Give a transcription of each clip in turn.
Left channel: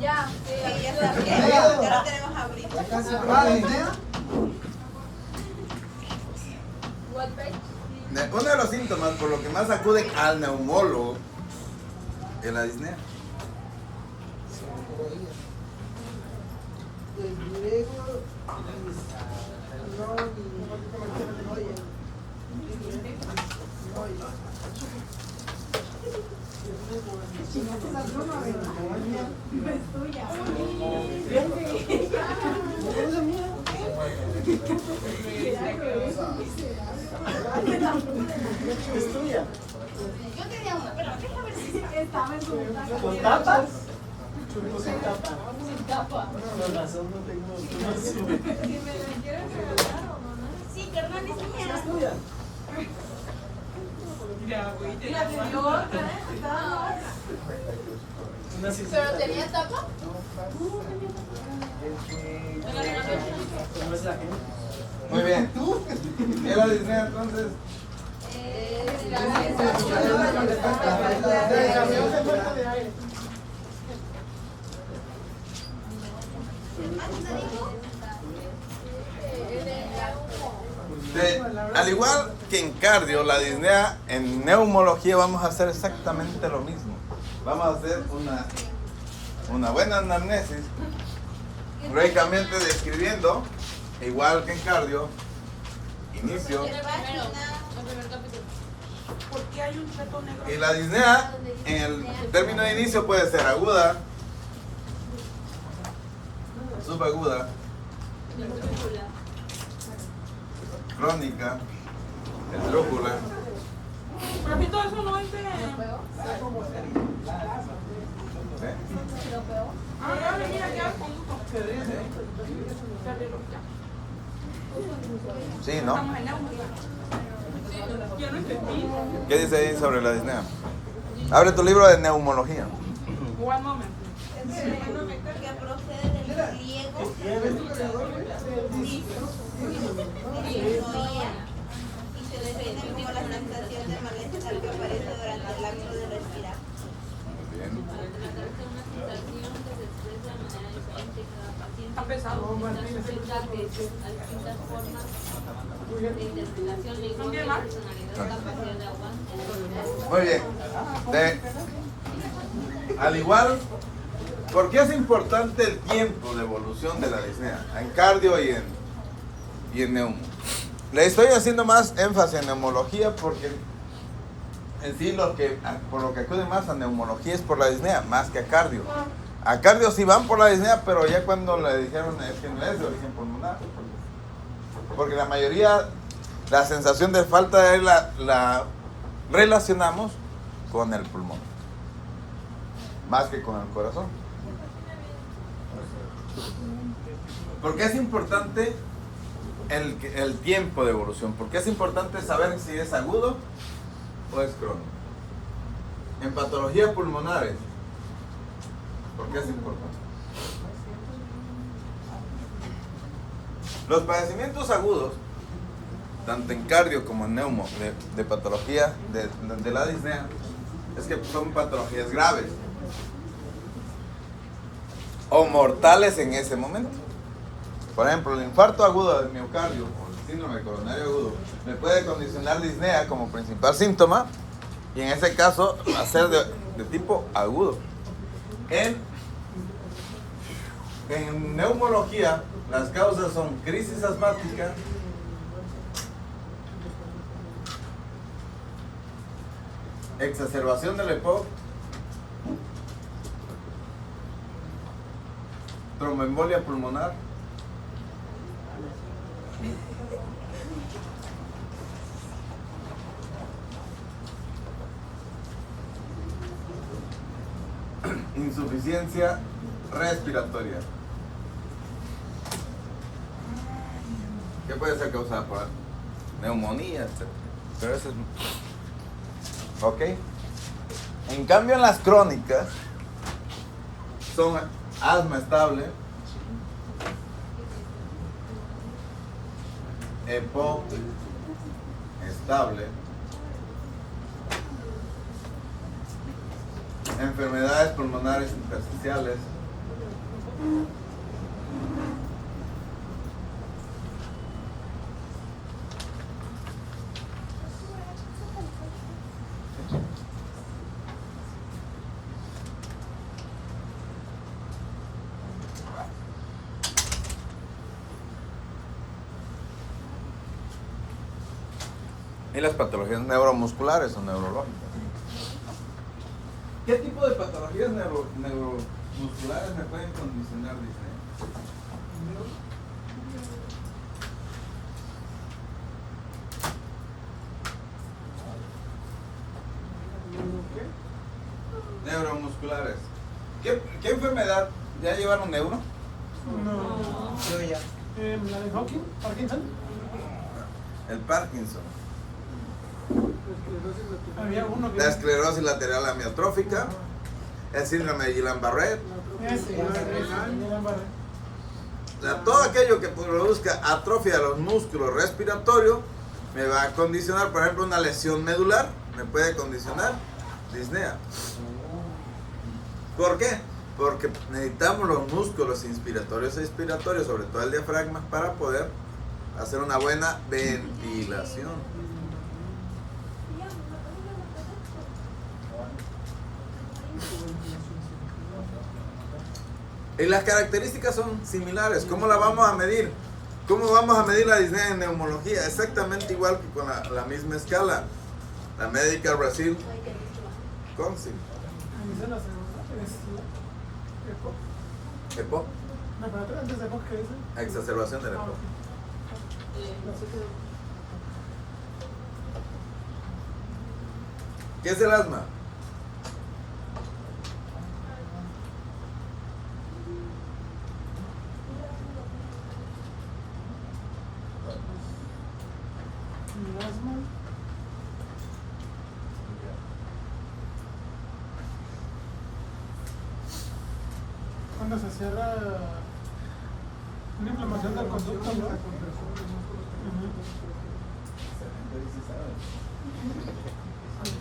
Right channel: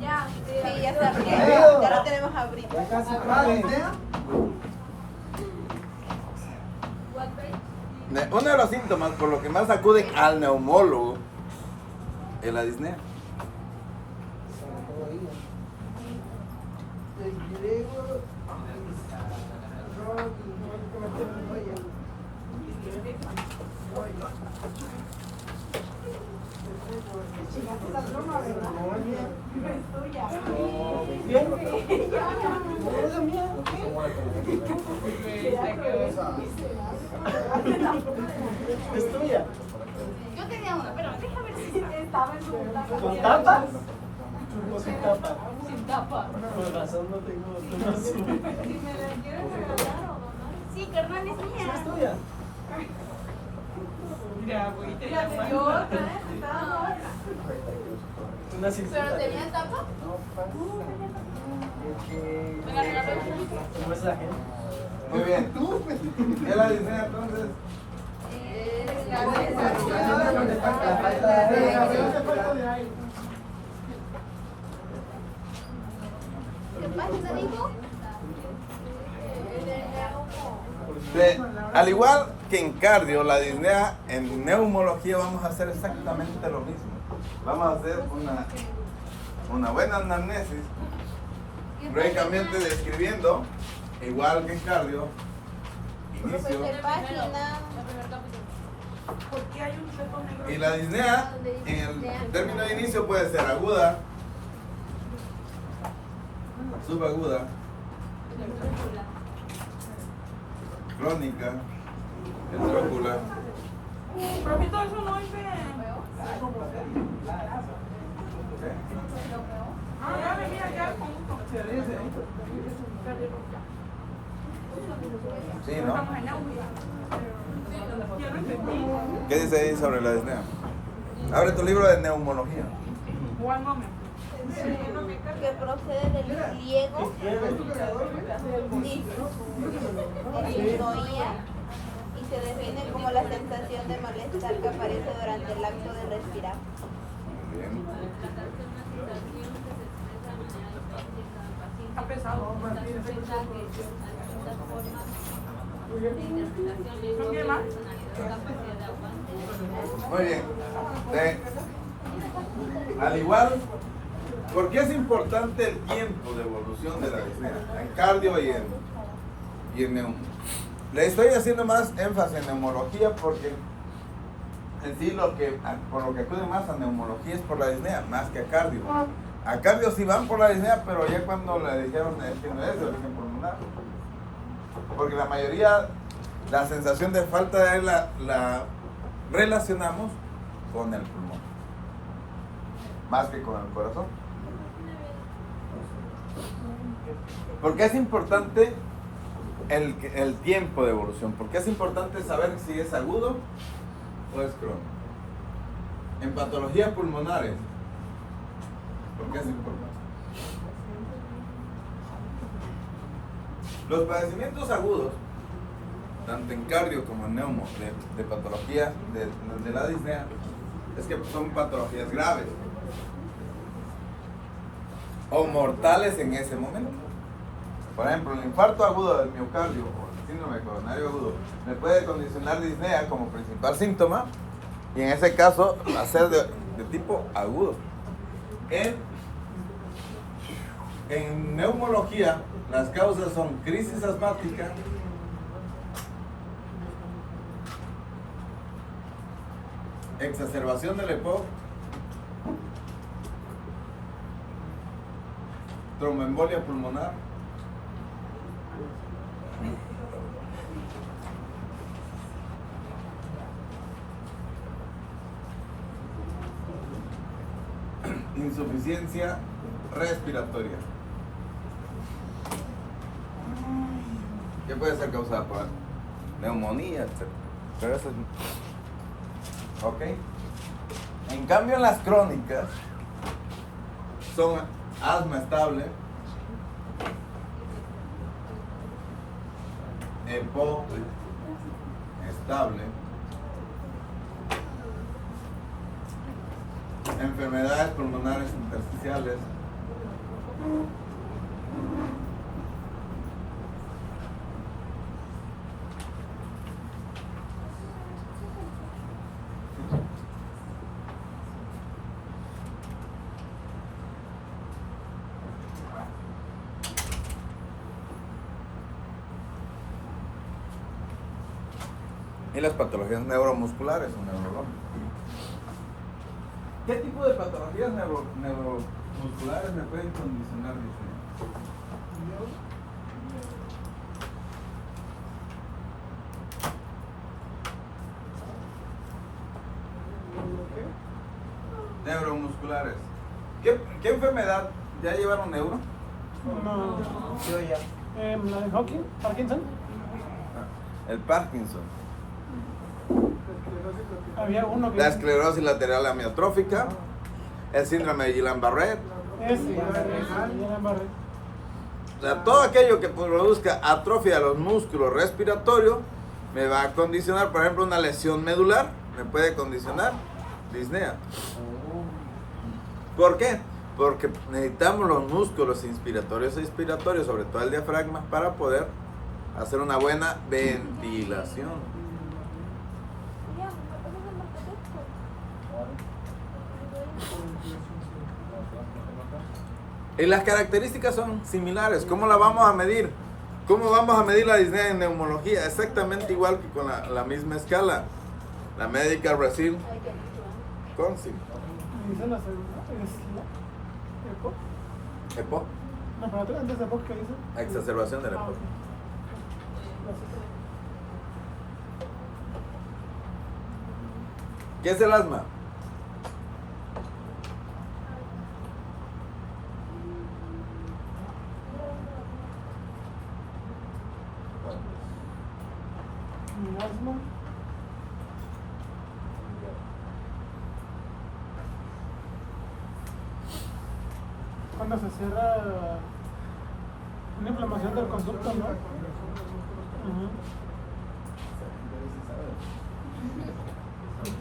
Ya, Sí, ya está bien. Ahora tenemos a abrir. what page? Uno de los síntomas por lo que más acuden al neumólogo es la disnea. Es tuya. Yo tenía una, pero déjame ver si Estaba en su ¿Con tapa? Churro sin tapa. sin tapa. Por razón no tengo tapa. Si me la quieres regalar o donar. Sí, carnal, es mía. Es tuya. La de yo, Una ¿pero circuita. tenía tapa? ¿Me la regaló ella? ¿Cómo es la gente? Muy bien. ¿Qué es la disnea entonces? Al igual que en cardio, la disnea, en neumología vamos a hacer exactamente lo mismo. Vamos a hacer una buena anamnesis, lógicamente describiendo, igual que en cardio, inicio. Y la disnea, en el término de inicio puede ser aguda, subaguda, crónica, esdrújula. ¿Eh? Sí, ¿no? ¿Qué dice ahí sobre la disnea? Abre tu libro de neumología. Que procede del griego disnoía y se define como la sensación de malestar que aparece durante el acto de respirar. Muy bien. Está pesado. Muy bien. Al igual, ¿por qué es importante el tiempo de evolución de la disnea? En cardio y en neumo. Le estoy haciendo más énfasis en neumología porque en sí por lo que acuden más a neumología es por la disnea, más que a cardio. A cardio sí van por la disnea, pero ya cuando le dijeron que no es de origen pulmonar. Porque la mayoría, la sensación de falta de aire la relacionamos con el pulmón, más que con el corazón. ¿Por qué es importante el tiempo de evolución? ¿Por qué es importante saber si es agudo o es crónico? En patologías pulmonares, ¿por qué es importante? Los padecimientos agudos, tanto en cardio como en neumo, de patología de la disnea, es que son patologías graves o mortales en ese momento. Por ejemplo, el infarto agudo del miocardio o el síndrome coronario agudo me puede condicionar disnea como principal síntoma y en ese caso va a ser de tipo agudo. En neumología, las causas son crisis asmática, exacerbación del EPOC, tromboembolia pulmonar, insuficiencia respiratoria. ¿Qué puede ser causada por neumonía, etcétera? Pero eso es... ¿Ok? En cambio, en las crónicas son asma estable, EPOC estable, enfermedades pulmonares intersticiales, Y las patologías neuromusculares o neurológicas. ¿Qué tipo de patologías neuromusculares me pueden condicionar, dice? Neuromusculares. ¿Qué enfermedad? ¿Ya llevaron neuro? No. Digo yo. ¿La de Hawking? ¿Parkinson? El Parkinson. Había uno que... La esclerosis lateral amiotrófica. El síndrome de Guillain-Barré. Ese. Todo aquello que produzca atrofia de los músculos respiratorios me va a condicionar, por ejemplo, una lesión medular, me puede condicionar disnea. ¿Por qué? Porque necesitamos los músculos inspiratorios e expiratorios, sobre todo el diafragma, para poder hacer una buena ventilación. Y las características son similares. ¿Cómo la vamos a medir? ¿Cómo vamos a medir la disnea en neumología? Exactamente igual que con la misma escala. La Medical Brazil Council. Dice la segunda. Es la EPO. EPO. No, pero antes de EPO, ¿qué dice? Exacerbación del EPO. ¿Qué es el asma? Asma. Cuando se cierra una inflamación del conducto, ¿no?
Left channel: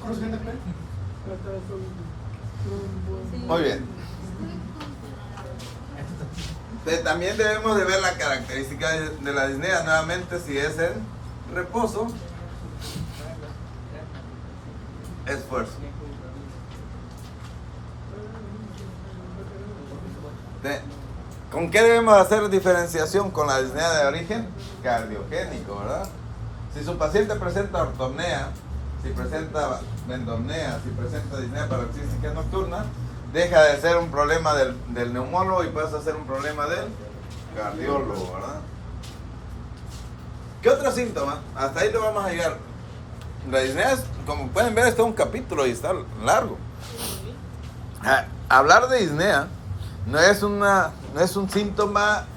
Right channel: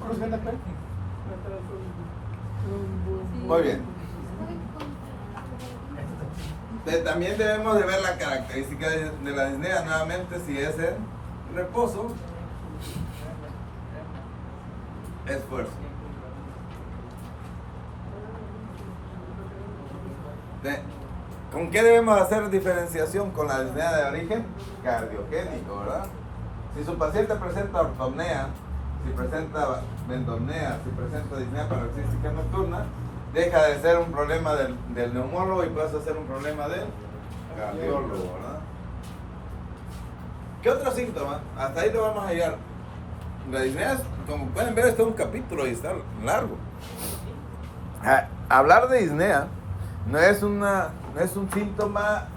¿Corresponde acá? Muy bien. También debemos de ver la característica de la disnea nuevamente, si es el reposo, esfuerzo. ¿Con qué debemos hacer diferenciación con la disnea de origen? Cardiogénico, ¿verdad? Si su paciente presenta ortopnea, si presenta bendomnea, si presenta disnea paroxística nocturna, deja de ser un problema del neumólogo y pasa a ser un problema del cardiólogo, ¿verdad? ¿Qué otro síntoma? Hasta ahí lo vamos a llegar. La disnea, como pueden ver, está un capítulo y está largo. Hablar de disnea no es un síntoma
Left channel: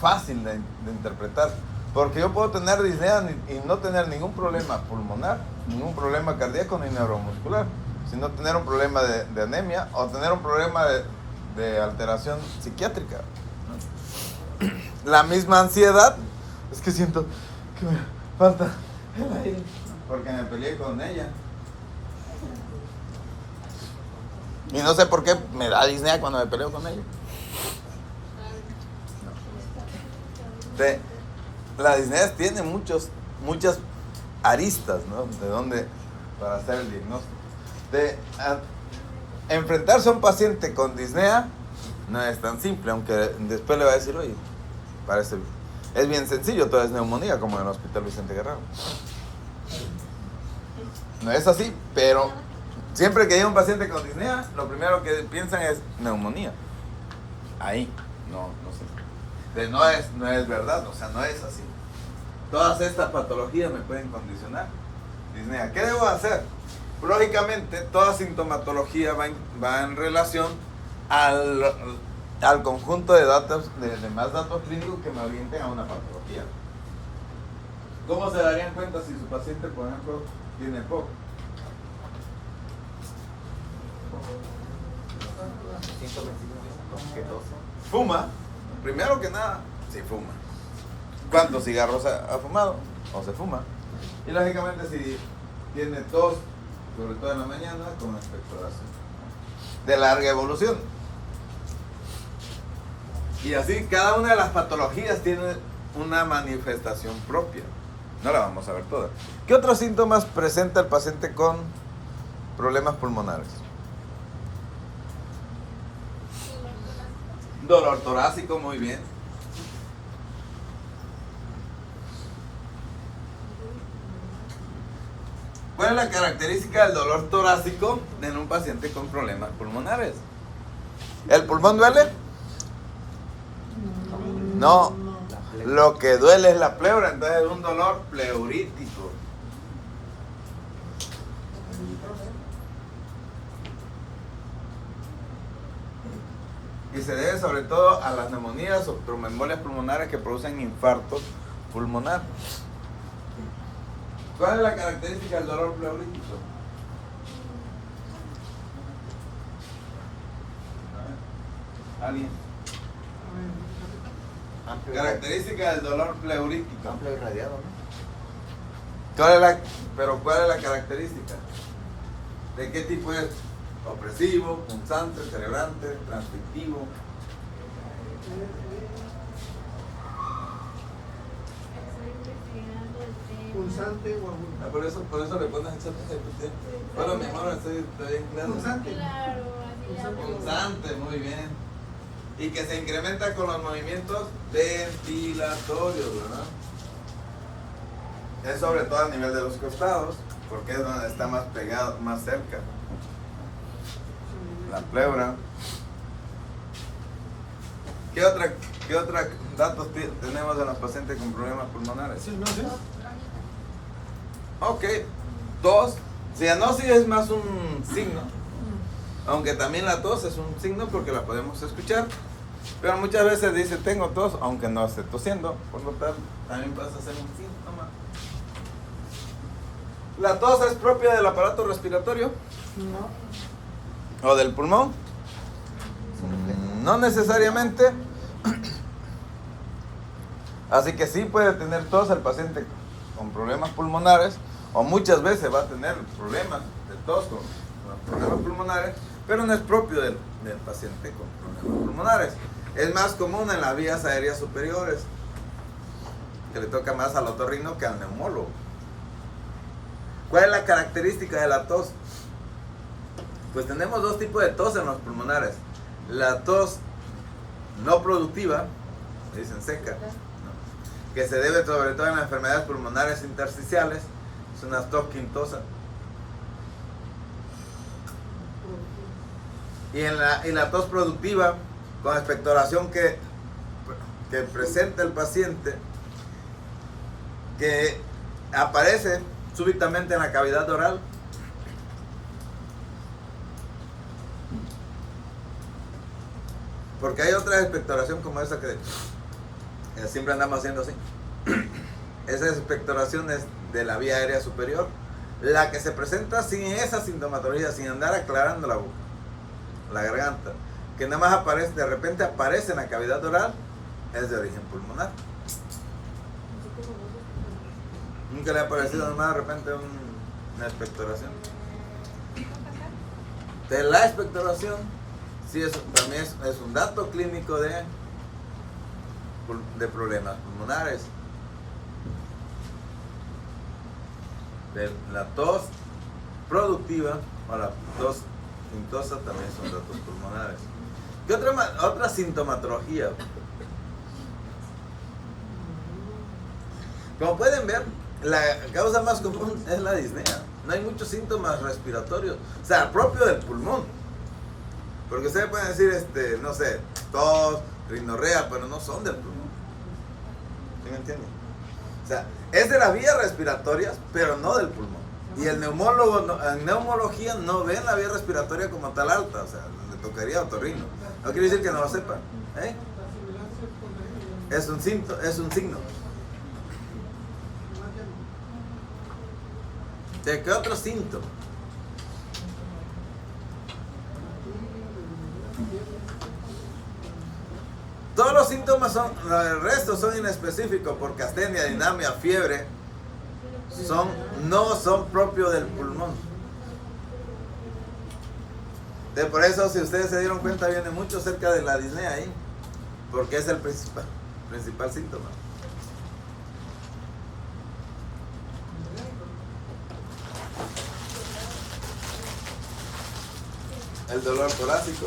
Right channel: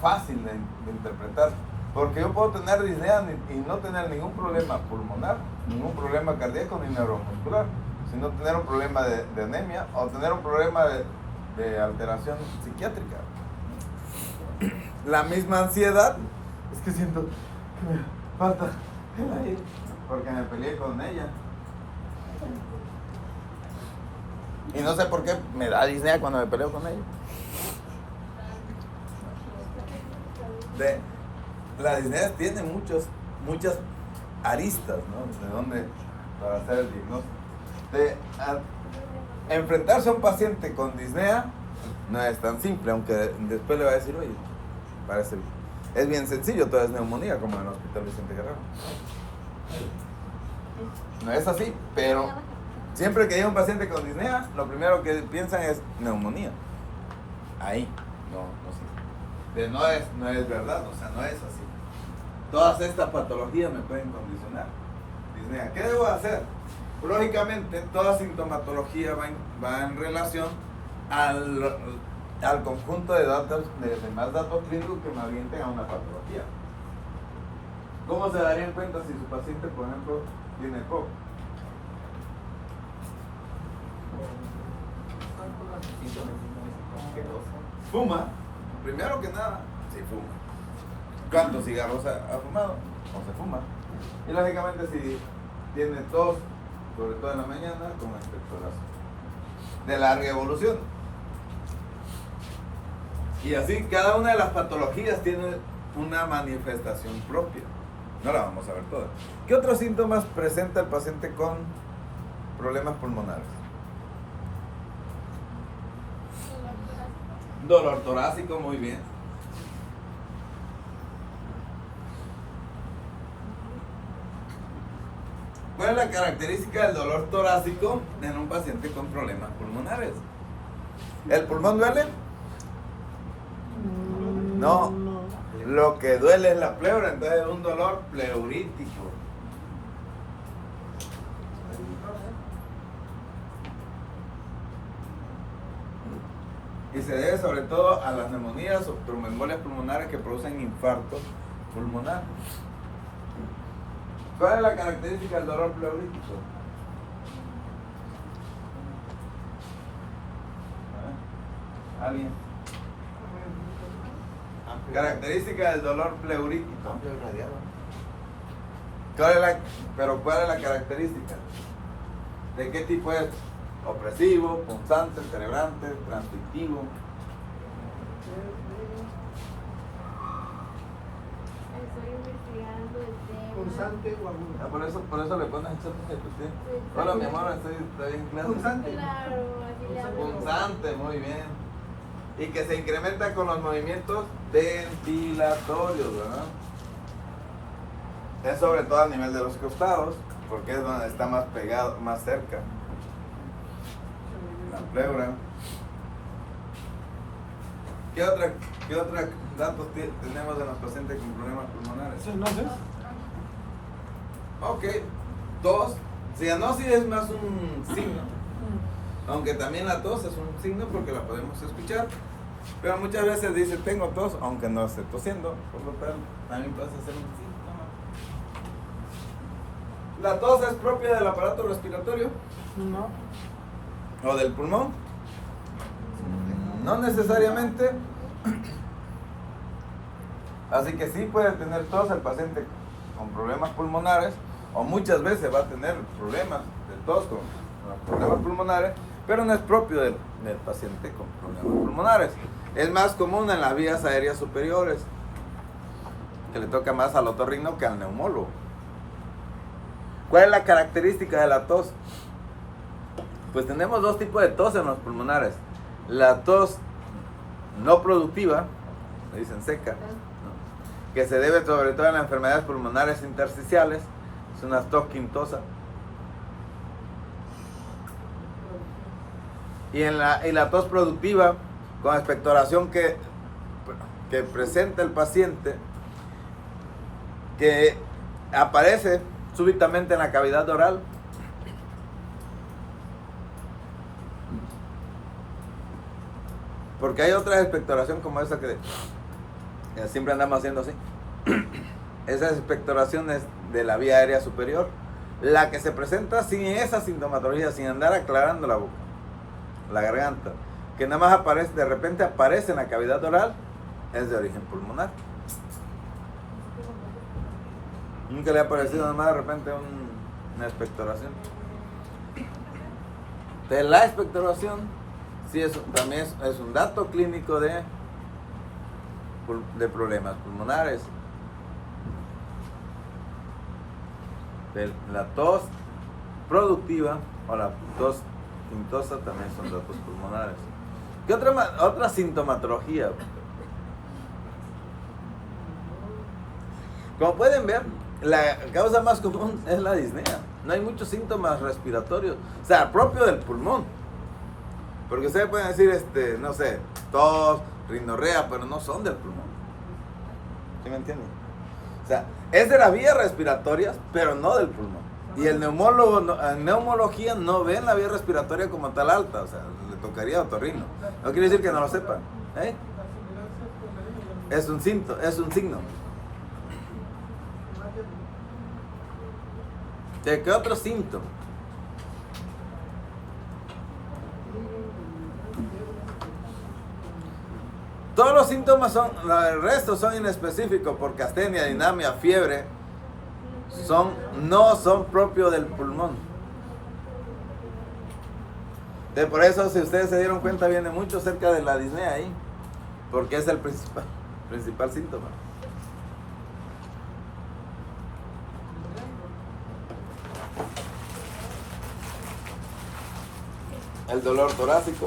fácil de interpretar, porque yo puedo tener disnea y no tener ningún problema pulmonar, ningún problema cardíaco ni neuromuscular, sino tener un problema de anemia o tener un problema de alteración psiquiátrica. La misma ansiedad, es que siento que me falta el aire, porque me peleé con ella. Y no sé por qué me da disnea cuando me peleo con ella. La disnea tiene muchas aristas, ¿no? De dónde para hacer el diagnóstico. Enfrentarse a un paciente con disnea no es tan simple, aunque después le va a decir, oye, parece, es bien sencillo, todo es neumonía, como en el Hospital Vicente Guerrero. No es así, pero siempre que llega un paciente con disnea, lo primero que piensan es neumonía. Ahí, no sé. No es verdad, o sea, no es así. Todas estas patologías me pueden condicionar disnea. ¿Qué debo hacer? Lógicamente, toda sintomatología va en relación al conjunto de datos, de más datos clínicos que me orienten a una patología. ¿Cómo se darían cuenta si su paciente, por ejemplo, tiene POC? Fuma, primero que nada, si fuma. ¿Cuántos cigarros ha fumado? O se fuma. Y lógicamente si tiene tos, sobre todo en la mañana, con expectoración de larga evolución. Y así cada una de las patologías tiene una manifestación propia. No la vamos a ver toda. ¿Qué otros síntomas presenta el paciente con problemas pulmonares? Dolor torácico, muy bien. ¿Cuál es la característica del dolor torácico en un paciente con problemas pulmonares? ¿El pulmón duele? No. Lo que duele es la pleura, entonces es un dolor pleurítico. Y se debe sobre todo a las neumonías o tromboembolias pulmonares que producen infartos pulmonares. ¿Cuál es la característica del dolor pleurítico? ¿Alguien? Característica del dolor pleurítico. ¿Cuál es la característica? ¿De qué tipo es? Opresivo, punzante, cerebrante, transmitivo. Punzante o agudo. Por eso le pones esa. Hola, mi amor, estoy bien claro. Punzante. Claro, así le hago. Punzante, muy bien. Y que se incrementa con los movimientos ventilatorios, ¿verdad? Es sobre todo a nivel de los costados, porque es donde está más pegado, más cerca. La pleura. ¿Qué otra datos tenemos de los pacientes con problemas pulmonares? Cianosis. Ok, tos. Cianosis es más un signo, aunque también la tos es un signo porque la podemos escuchar, pero muchas veces dice tengo tos, aunque no esté tosiendo, por lo tanto también pasa a ser un síntoma. ¿La tos es propia del aparato respiratorio No. o del pulmón? No necesariamente. Así que sí puede tener tos el paciente con problemas pulmonares, o muchas veces va a tener problemas de tos con los problemas pulmonares, pero no es propio del paciente con problemas pulmonares. Es más común en las vías aéreas superiores, que le toca más al otorrino que al neumólogo. ¿Cuál es la característica de la tos? Pues tenemos dos tipos de tos en los pulmonares. La tos no productiva, le dicen seca, ¿no?, que se debe sobre todo en las enfermedades pulmonares intersticiales, es una tos quintosa. Y la tos productiva, con expectoración que presenta el paciente, que aparece súbitamente en la cavidad oral. Porque hay otra expectoración como esa que siempre andamos haciendo así. Esa expectoración es de la vía aérea superior. La que se presenta sin esa sintomatología, sin andar aclarando la boca, la garganta, que nada más aparece, de repente aparece en la cavidad oral, es de origen pulmonar. Nunca le ha aparecido nada más de repente una expectoración. De la expectoración, sí, también es un dato clínico de problemas pulmonares. La tos productiva o la tos quintosa también son datos pulmonares. ¿Qué otra sintomatología? Como pueden ver, la causa más común es la disnea. No hay muchos síntomas respiratorios, o sea, propio del pulmón. Porque ustedes pueden decir, no sé, tos, rinorrea, pero no son del pulmón. ¿Sí me entienden? O sea, es de las vías respiratorias, pero no del pulmón. Y el neumólogo, en neumología, no ven la vía respiratoria como tal alta, o sea, le tocaría otorrino. No quiere decir que no lo sepan. Es un signo. ¿Qué otro síntoma? Todos los síntomas el resto son inespecíficos, porque astenia, dinamia, fiebre, no son propios del pulmón. Por eso, si ustedes se dieron cuenta, viene mucho cerca de la disnea ahí. Porque es el principal síntoma. El dolor torácico.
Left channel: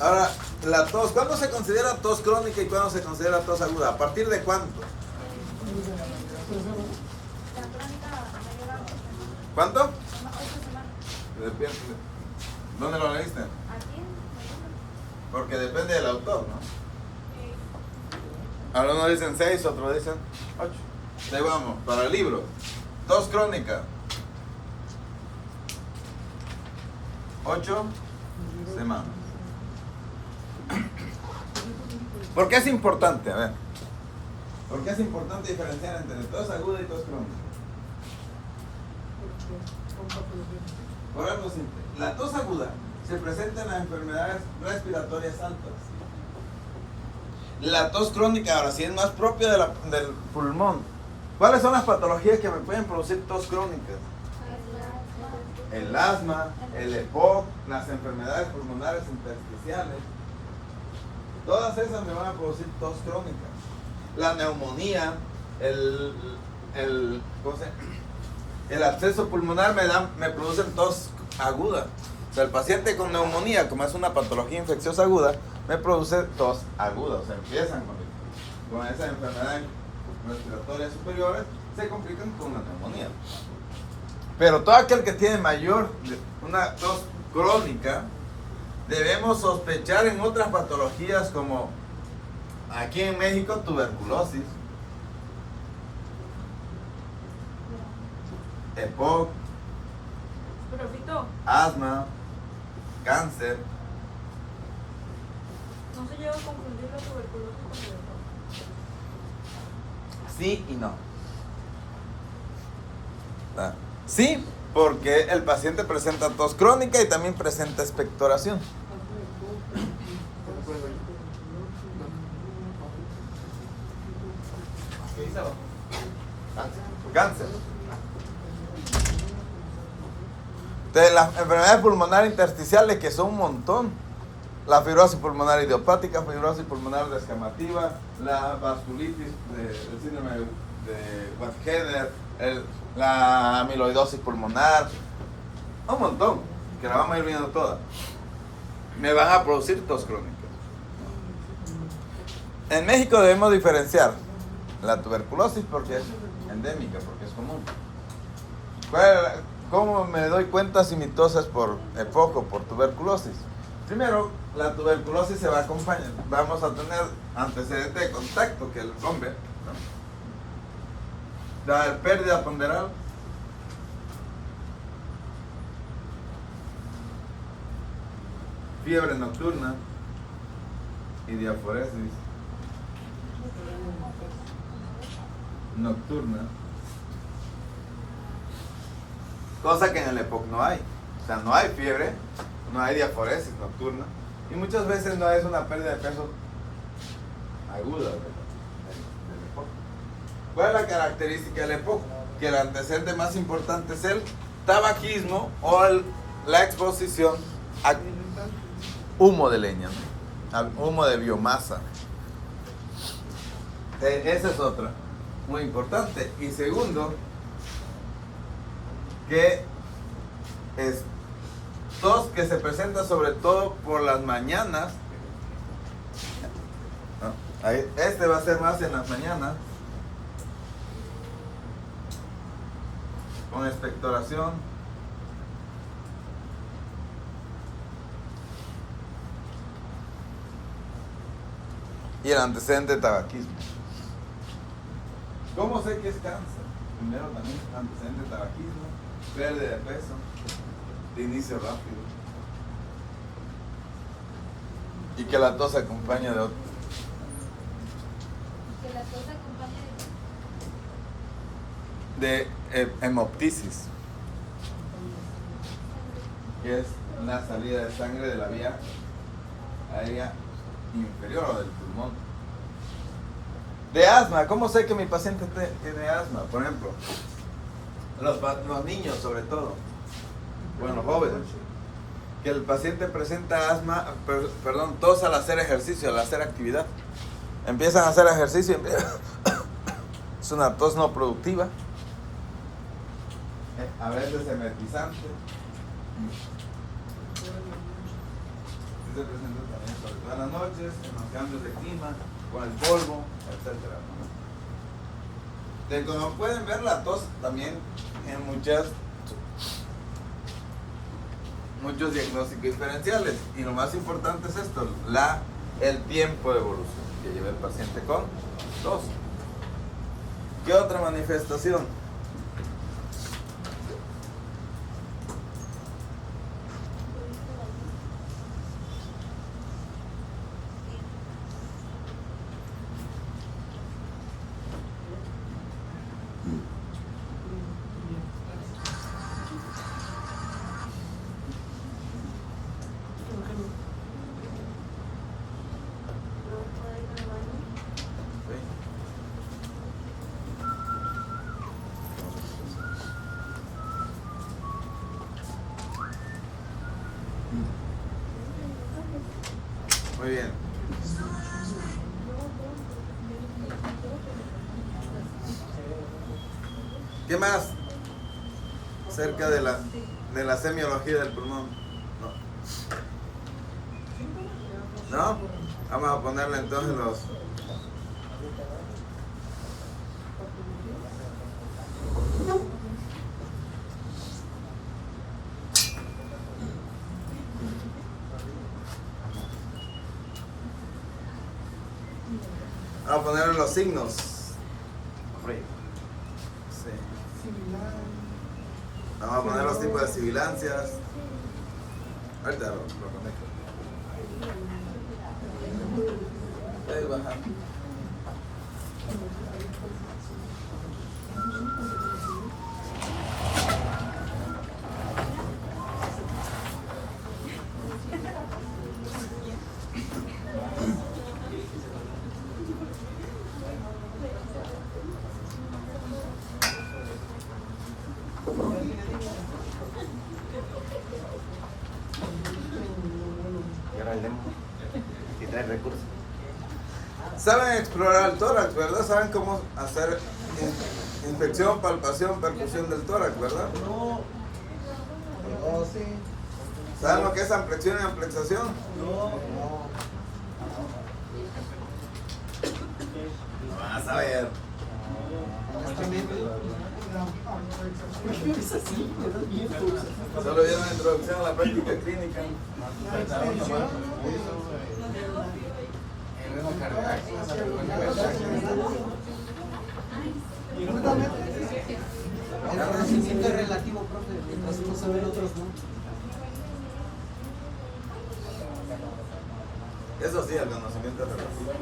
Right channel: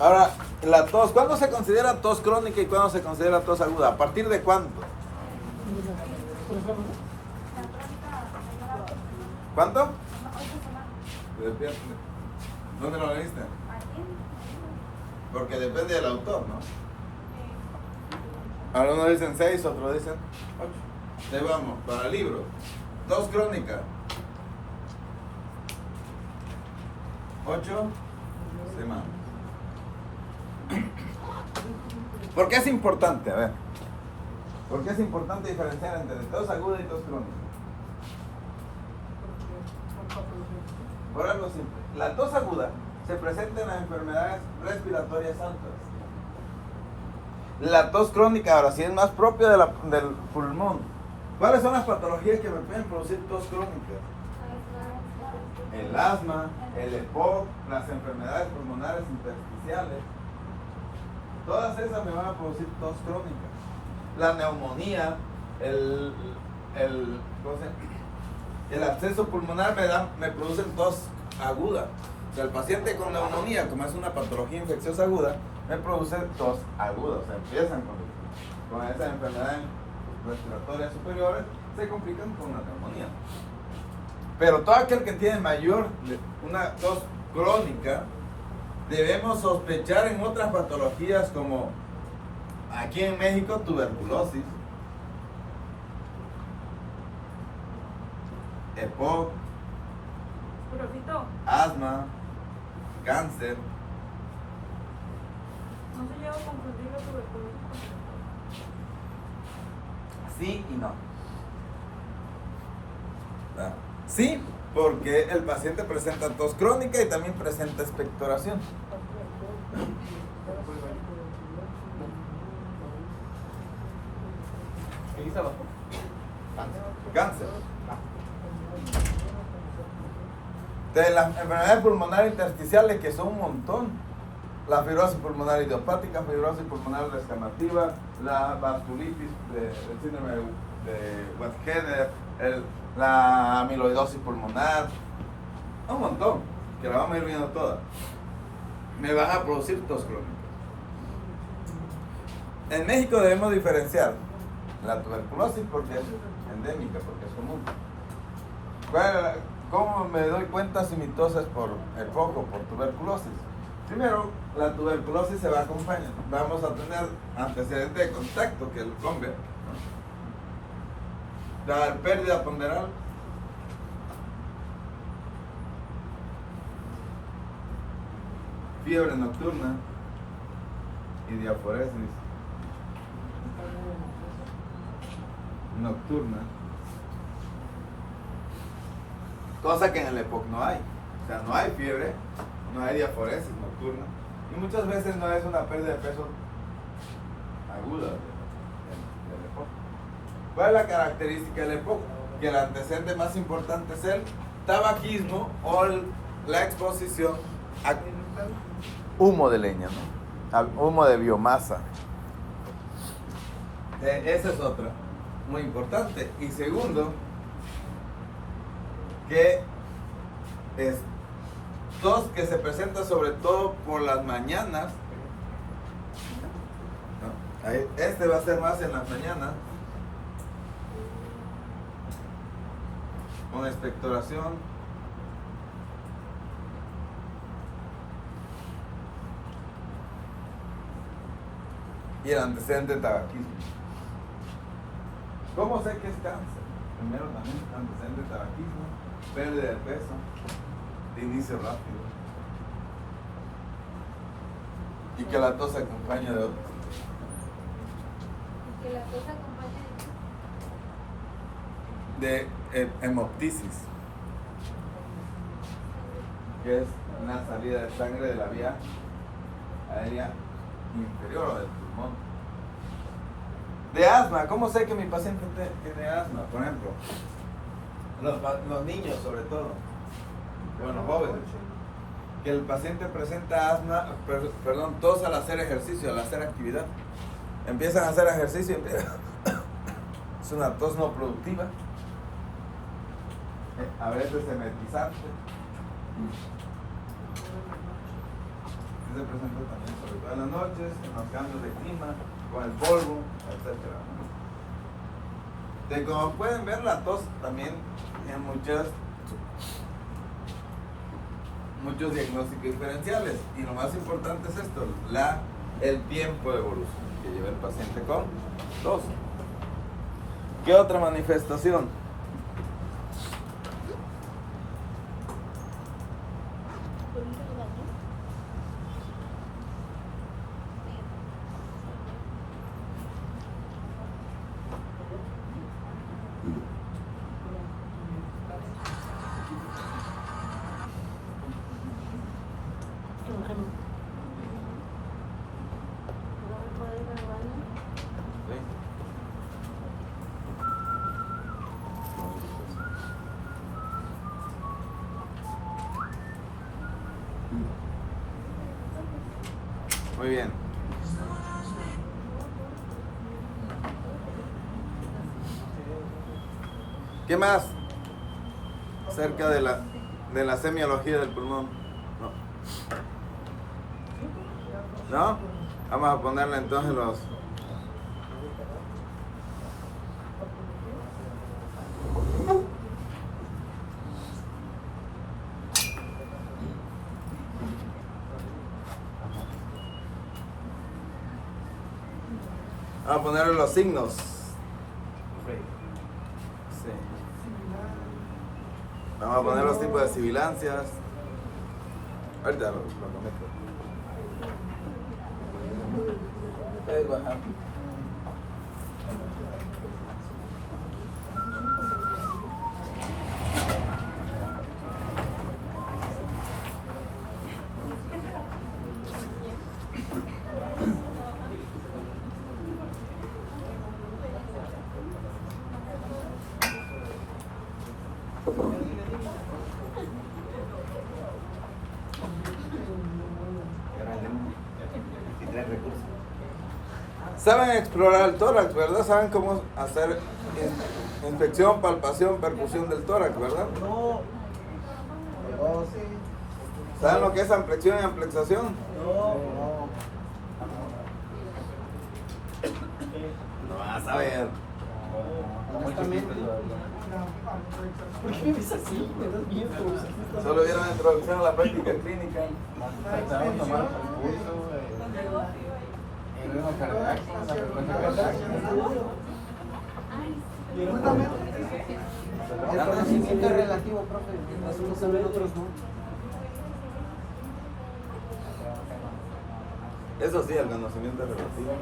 Ahora, la tos, ¿cuándo se considera tos crónica y cuándo se considera tos aguda? ¿A partir de cuándo? ¿Cuánto? ¿Dónde lo leíste? Porque depende del autor, ¿no? Algunos dicen 6, otros dicen 8. Ahí vamos, para el libro. Tos crónica. 8 semanas. ¿Por qué es importante? A ver. ¿Por qué es importante diferenciar entre tos aguda y tos crónica? Por algo simple. La tos aguda se presenta en las enfermedades respiratorias altas. La tos crónica ahora sí es más propia del pulmón. ¿Cuáles son las patologías que me pueden producir tos crónica? El asma, el EPOC, las enfermedades pulmonares intersticiales. Todas esas me van a producir tos crónica. La neumonía, el absceso pulmonar me producen tos aguda. O sea, el paciente con neumonía, como es una patología infecciosa aguda, me produce tos aguda. O sea, empiezan con esas enfermedades respiratorias superiores, se complican con la neumonía. Pero todo aquel que tiene una tos crónica, debemos sospechar en otras patologías como aquí en México tuberculosis, EPOC, asma, cáncer. No se llega a confundir la tuberculosis con tuberculosis. Sí y no. Sí, porque el paciente presenta tos crónica y también presenta expectoración. ¿Qué dice abajo? Cáncer. De las enfermedades pulmonares intersticiales, que son un montón. La fibrosis pulmonar idiopática, fibrosis pulmonar descamativa, la vasculitis, el síndrome de Wettsteiner, la amiloidosis pulmonar, un montón, que la vamos a ir viendo todas. Me van a producir tos crónica. En México debemos diferenciar la tuberculosis porque es endémica, porque es común. ¿Cómo me doy cuenta si mi tos es por EPOC o por tuberculosis? Primero, la tuberculosis se va a acompañar. Vamos a tener antecedente de contacto, que el combe, ¿no? La pérdida ponderal. Fiebre nocturna y diaforesis nocturna. Cosa que en el EPOC no hay. O sea, no hay fiebre, no hay diaforesis nocturna y muchas veces no es una pérdida de peso aguda del EPOC. ¿Cuál es la característica del EPOC? Que el antecedente más importante es el tabaquismo o la exposición a humo de leña, ¿no? Al humo de biomasa. Esa es otra, muy importante. Y segundo, que es tos que se presenta sobre todo por las mañanas. Este va a ser más en las mañanas, con expectoración, y el antecedente de tabaquismo. ¿Cómo sé que es cáncer? Primero también antecedente de tabaquismo, pérdida de peso, de inicio rápido, y que la tos se acompaña de otro. Que la tos acompaña De hemoptisis, que es una salida de sangre de la vía aérea inferior o del pulmón. De asma, ¿cómo sé que mi paciente tiene asma? Por ejemplo, los niños sobre todo, bueno, los jóvenes, que el paciente presenta asma, tos al hacer ejercicio, al hacer actividad. Empiezan a hacer ejercicio, es una tos no productiva, a veces emetizante. Se presenta también sobre todo en las noches, en los cambios de clima, con el polvo, etc. Como pueden ver, la tos también en muchos diagnósticos diferenciales, y lo más importante es esto, el tiempo de evolución que lleva el paciente con tos. ¿Qué otra manifestación? Muy bien. ¿Qué más acerca de la semiología del pulmón? ¿No? Vamos a ponerle entonces los... Vamos a ponerle los signos. Sí. Vamos a poner los tipos de sibilancias. Ahorita lo conecto. Ahí baja. Saben explorar el tórax, ¿verdad? Saben cómo hacer inspección, palpación, percusión del tórax, ¿verdad? No. No, sí. ¿Saben lo que es amplexación y amplexación? No. No vas a ver. Honestamente. ¿Por qué es así? Eres viejo. Solo vieron la introducción a la práctica clínica. El conocimiento es relativo, profe. Mientras uno sabe, otros no. Eso sí, el conocimiento es relativo.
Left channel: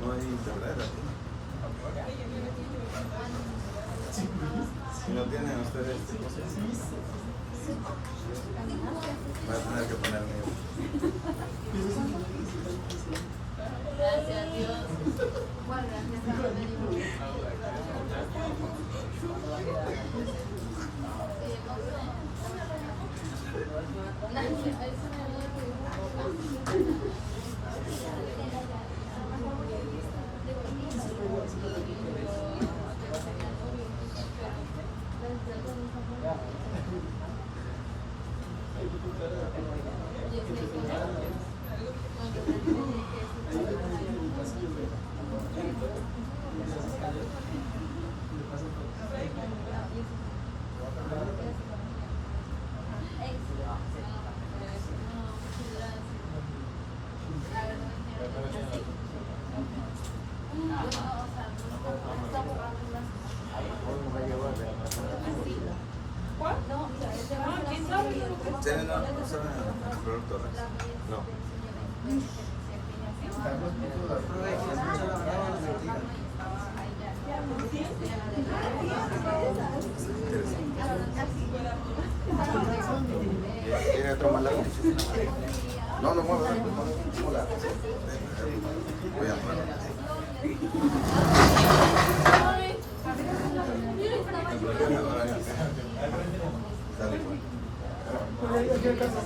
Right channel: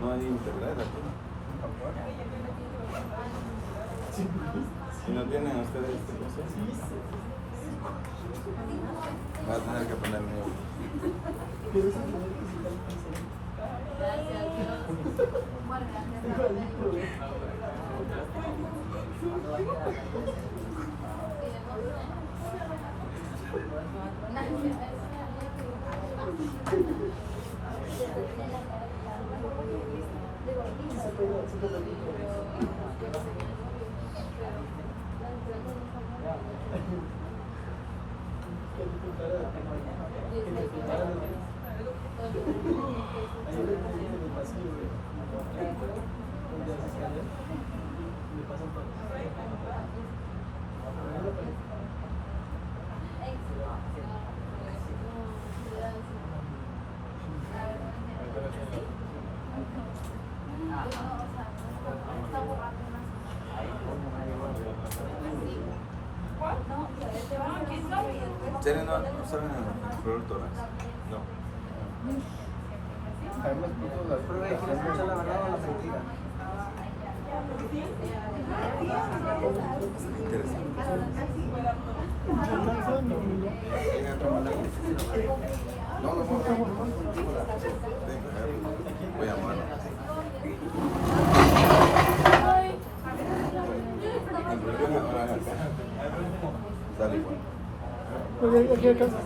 No hay internet aquí. Si no tienen ustedes, voy a tener que poner ¿Tienen una persona en el tórax? No. No, no muevas. Voy a mover. Dale, bueno. ¿Qué casa?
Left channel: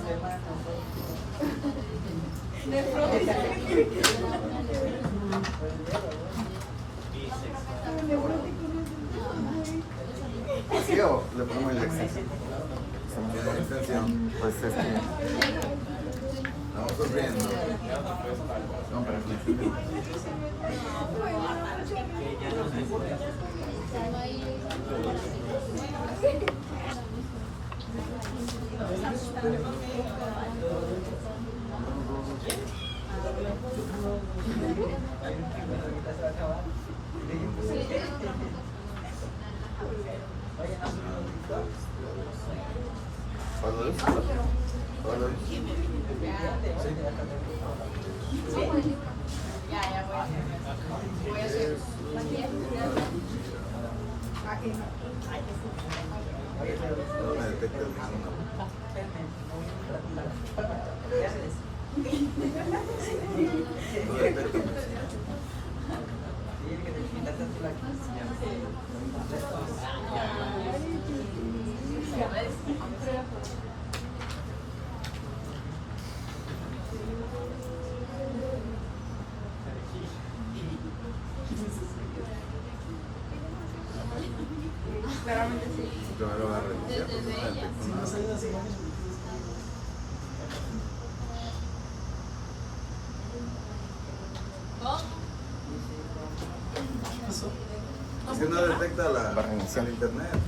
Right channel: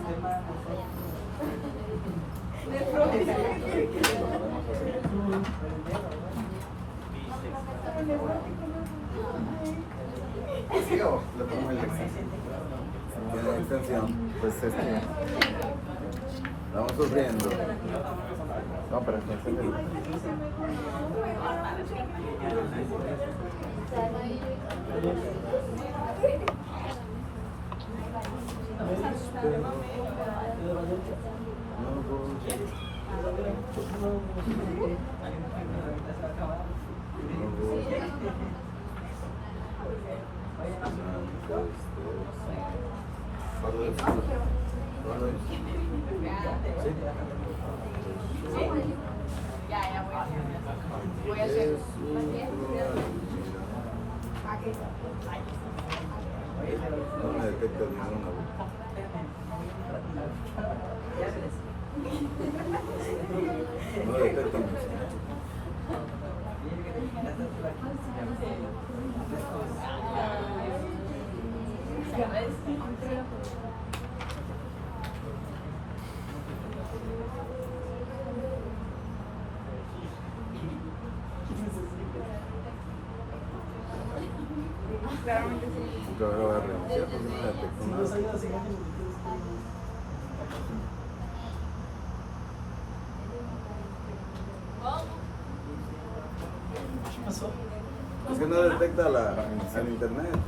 ¿Sí o le pongo el extensión? Tiene extensión. Pues es que. Estamos sufriendo. No, pero es que. ¿Cuándo es? ¿Cuándo es? Voy a hacer. No me detecta el mismo. No detecta el mismo. Yo ahora voy a reiniciar porque no detecto nada. Es que no detecta el internet.